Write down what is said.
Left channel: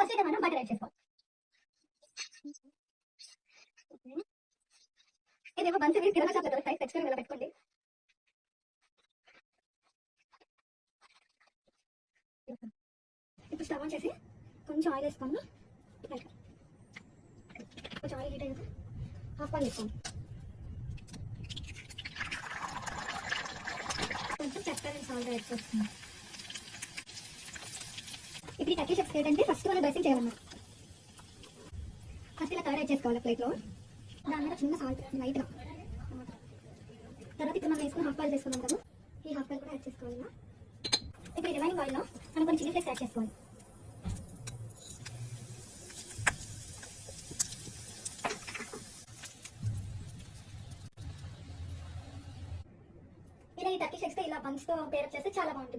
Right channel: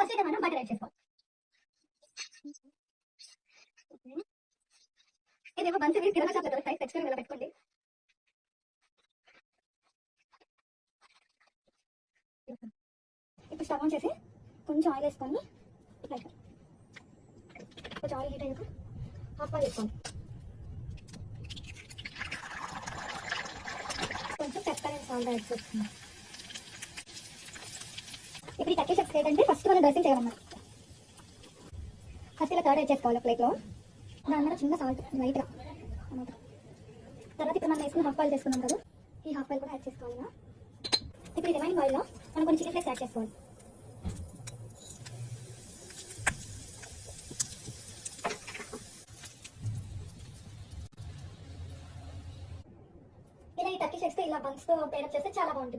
First అయితే మనం butter add చేసుకోవాలి. ఇదేమో బన్స్ ఇవి కిరాణా షాప్లో దొరుకుతాయి, తెచ్చుకొని ఇలా పెట్టుకోండి. ఇప్పుడు స్టవ్ ఆన్ చేసి కొంచెం ఆయిల్ వేసుకొని కొంచెం ఆయిల్ హీట్ అయ్యాక హాఫ్ బాయిల్ వేసుకోండి. కొంచెం పెప్పర్ అండ్ సాల్ట్ యాడ్ చేస్తున్నాం. ఇప్పుడు ఈ టర్కిష్ ఎగ్స్ ఏంటంటే ఫస్ట్ మనం డ్రెస్సింగ్ చేయాలన్నమాట. ఫస్ట్ ఇలా కర్డ్ యాడ్ చేసుకోవాలి ప్లేట్లో. దాని మీద చిన్న సాల్ట్ లైట్గా అన్నమాట. తర్వాత ఇప్పుడు మనం వేసుకుని హాఫ్ బాయిల్ చేసుకున్నాం కదా, ఈ హాఫ్ బాయిల్ కూడా యాడ్ చేసుకోవాలి. ఇప్పుడు ఈ రిమైనింగ్ బాయిల్లో మనం కొన్ని చిల్లీ ఫ్లేక్స్ యాడ్ చేసుకోవాలి. ఇలా ఈ టర్కిష్ ఎగ్స్ ఇలా బన్స్తో పేరప్ చేస్తే చాలా బాగుంటుంది.